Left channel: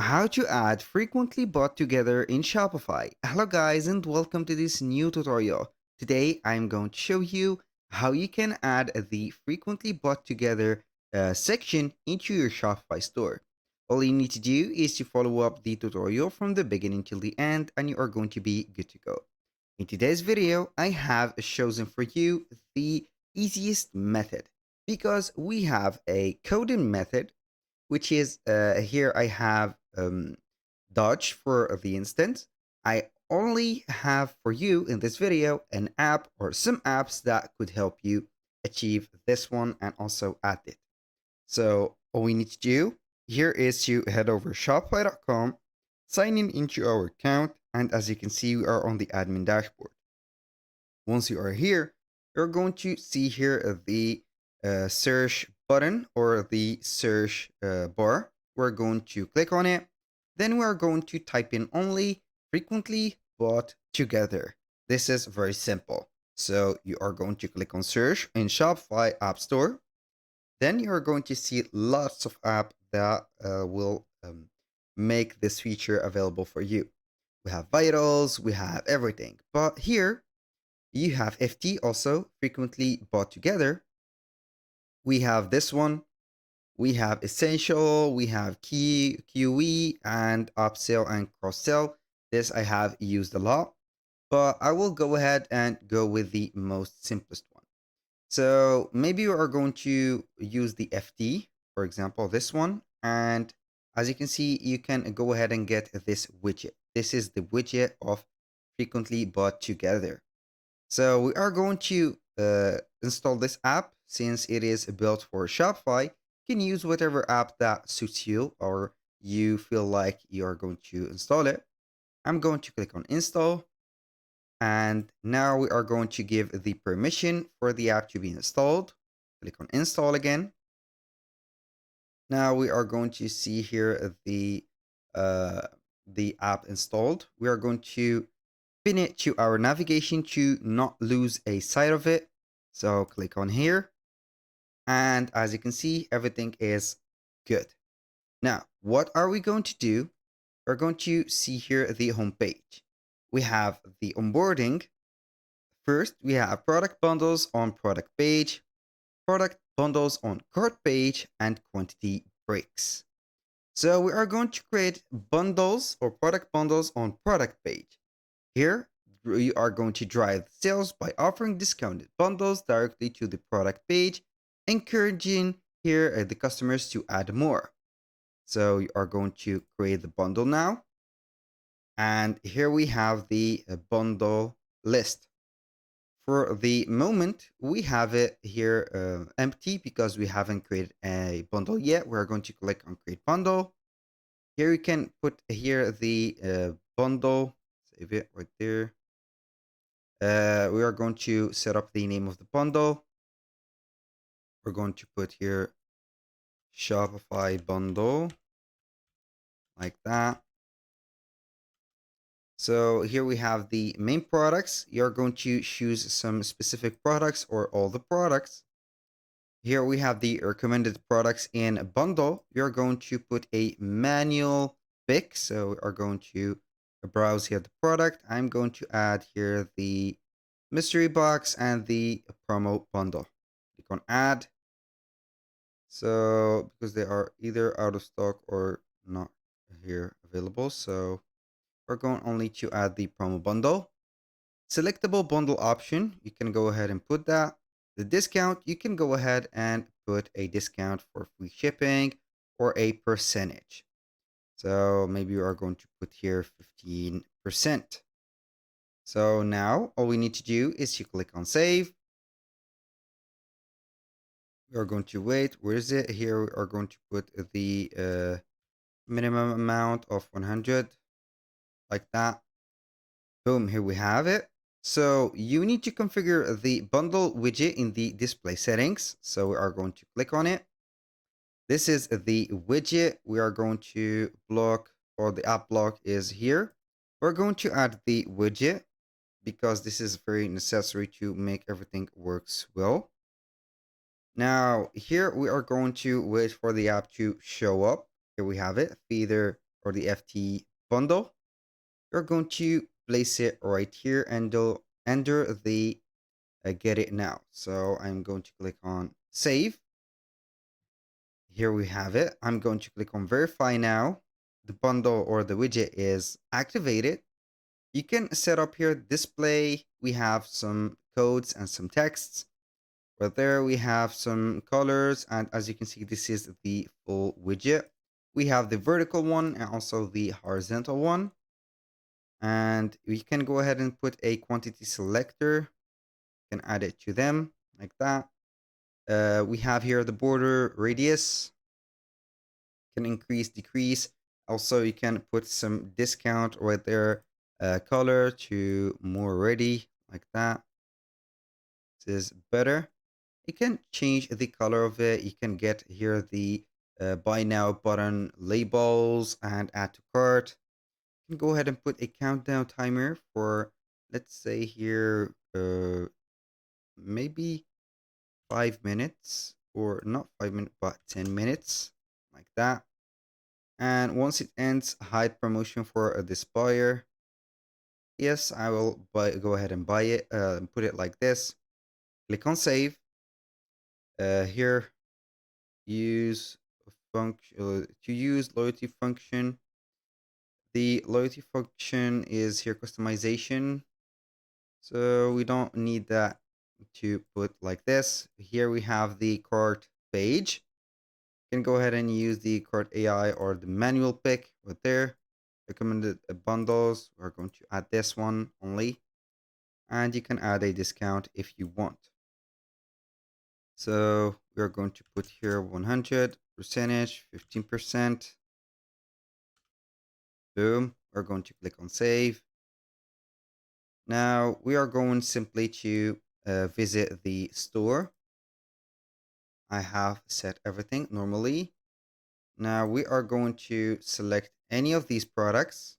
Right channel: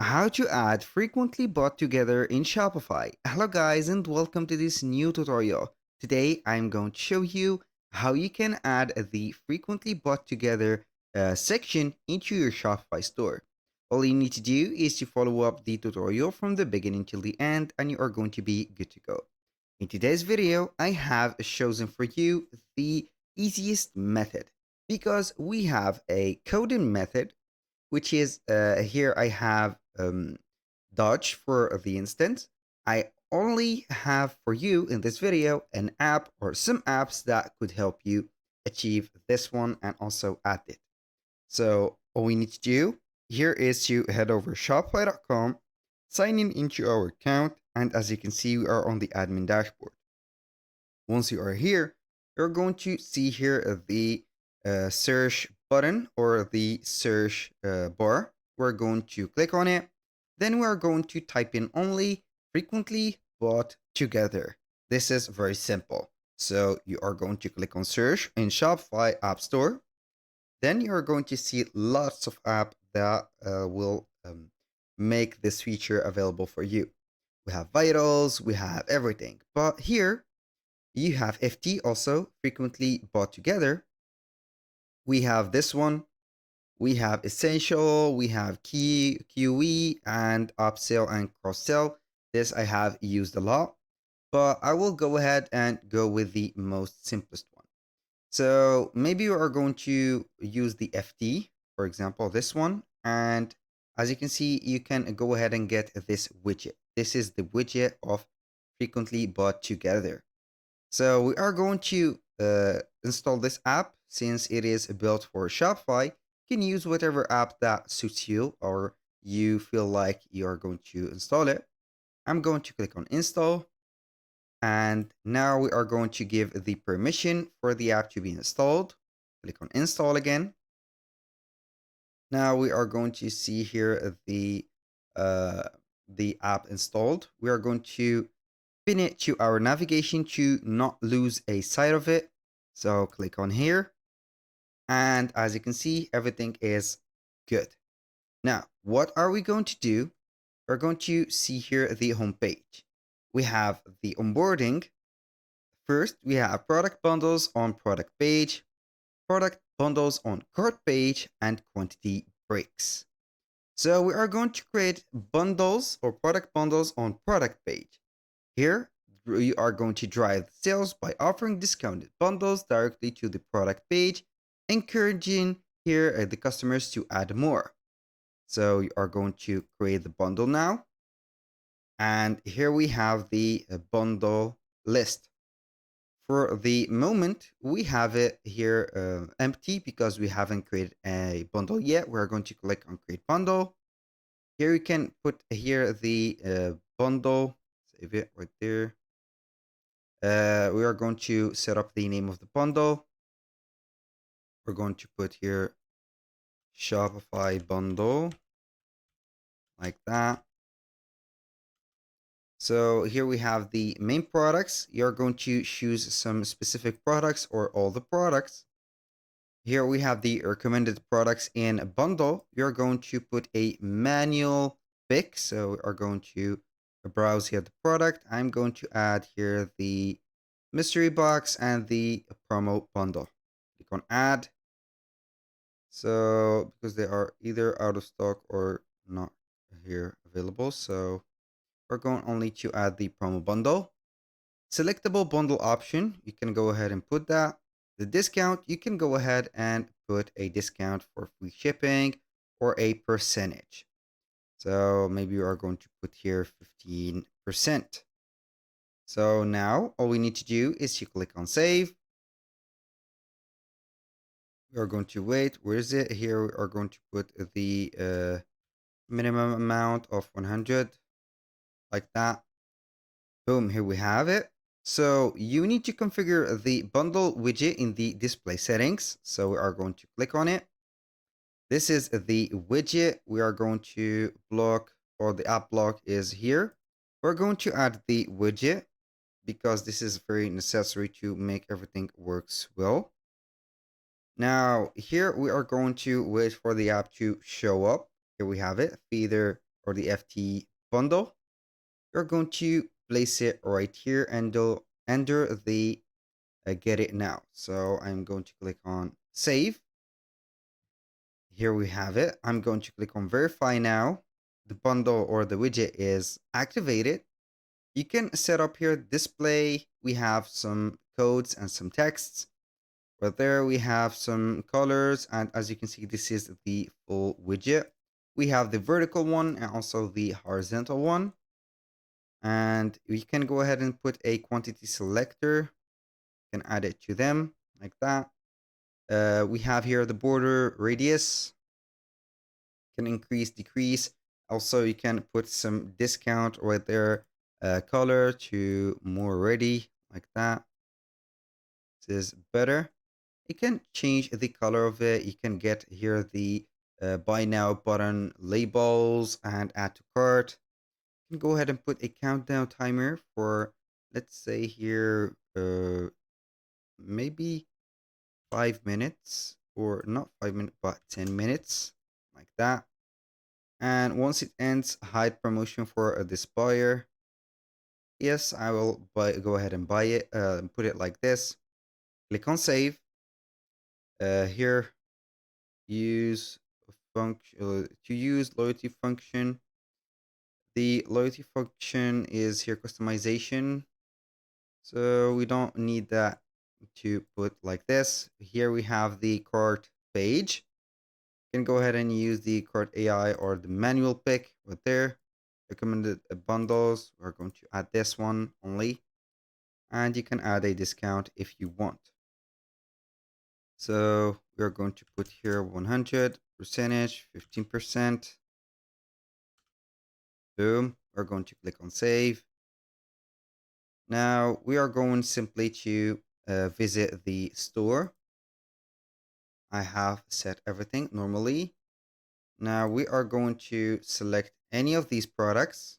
How to add frequently bought together in Shopify. Hello guys and welcome to this new tutorial. Today I'm going to show you how you can add the frequently bought together section into your Shopify store. All you need to do is to follow up the tutorial from the beginning till the end and you are going to be good to go. In today's video, I have chosen for you the easiest method because we have a coding method which is here I have Dodge for the instance. I only have for you in this video an app or some apps that could help you achieve this one and also add it. So all we need to do here is to head over shopify.com, sign in into our account, and as you can see, we are on the admin dashboard. Once you are here, you're going to see here the search button or the search bar. We're going to click on it. Then we're going to type in only frequently bought together. This is very simple. So you are going to click on search in Shopify App Store. Then you are going to see lots of apps that will make this feature available for you. We have vitals, we have everything. But here you have FT also frequently bought together. We have this one. We have essential, we have key, QE, and upsell and cross sell. This I have used a lot, but I will go ahead and go with the most simplest one. So maybe you are going to use the FT, for example, this one. And as you can see, you can go ahead and get this widget. This is the widget of frequently bought together. So we are going to install this app since it is built for Shopify. You can use whatever app that suits you or you feel like you are going to install it. I'm going to click on install. And now we are going to give the permission for the app to be installed. Click on install again. Now we are going to see here the app installed. We are going to pin it to our navigation to not lose a sight of it. So click on here. And as you can see, everything is good. Now, what are we going to do? We're going to see here the home page. We have the onboarding. First, we have product bundles on product page, product bundles on cart page, and quantity breaks. So we are going to create bundles or product bundles on product page. Here, we are going to drive sales by offering discounted bundles directly to the product page, encouraging here the customers to add more. So you are going to create the bundle now. And here we have the bundle list. For the moment, we have it here empty because we haven't created a bundle yet. We're going to click on create bundle. Here you can put here the bundle, save it right there. We are going to set up the name of the bundle. We're going to put here Shopify bundle like that. So here we have the main products. You're going to choose some specific products or all the products. Here we have the recommended products in a bundle. You're going to put a manual pick. So we are going to browse here the product. I'm going to add here the mystery box and the promo bundle. Click on add. So because they are either out of stock or not here available. So we're going only to add the promo bundle. Selectable bundle option, you can go ahead and put that. The discount, you can go ahead and put a discount for free shipping or a percentage. So maybe you are going to put here 15%. So now all we need to do is you click on save. We are going to wait. Where is it? Here we are going to put the minimum amount of 100 like that. Boom, here we have it. So you need to configure the bundle widget in the display settings. So we are going to click on it. This is the widget. We are going to block, or the app block is here. We're going to add the widget because this is very necessary to make everything works well. Now here we are going to wait for the app to show up. Here we have it, feeder or the FT bundle. You're going to place it right here and under the get it now. So I'm going to click on save. Here we have it. I'm going to click on verify now. The bundle or the widget is activated. You can set up here display. We have some codes and some texts. Right there we have some colors, and as you can see, this is the full widget. We have the vertical one and also the horizontal one. And we can go ahead and put a quantity selector. You can add it to them like that. We have here the border radius. You can increase, decrease. Also, you can put some discount right there, color to more ready like that. This is better. You can change the color of it. You can get here the buy now button labels and add to cart. You can go ahead and put a countdown timer for, let's say here, maybe 5 minutes, or not 5 minutes, but 10 minutes like that. And once it ends, hide promotion for this buyer. Yes, I will go ahead and buy it, and put it like this. Click on save. Here, use function to use loyalty function. The loyalty function is here customization, so we don't need that to put like this. Here we have the cart page. You can go ahead and use the cart AI or the manual pick right there. Recommended bundles. We're going to add this one only, and you can add a discount if you want. So we're going to put here 100 percentage, 15%. Boom. We're going to click on save. Now we are going simply to visit the store. I have set everything normally. Now we are going to select any of these products.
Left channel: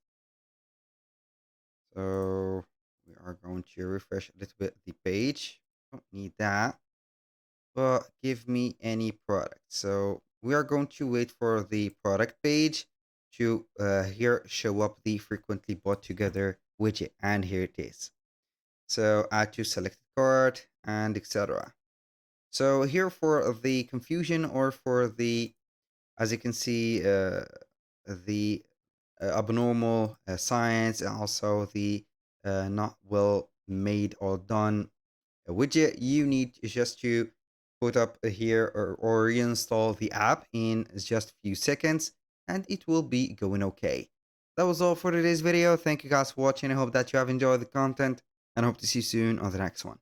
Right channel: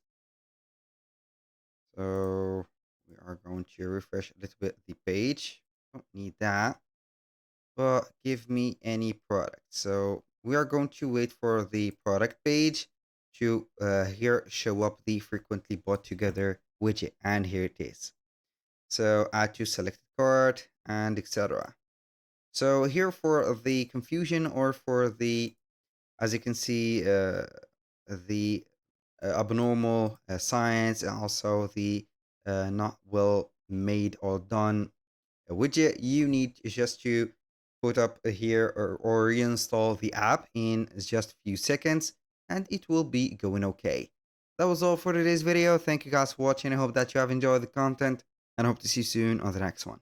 So we are going to refresh a little bit the page. Don't need that, but give me any product. So we are going to wait for the product page to here show up the frequently bought together widget, and here it is. So add to selected cart and etc. So here for the confusion, or for the, as you can see, the abnormal signs, and also the not well made or done widget, you need just to put up here or reinstall the app in just a few seconds, and it will be going okay. That was all for today's video. Thank you guys for watching. I hope that you have enjoyed the content, and hope to see you soon on the next one.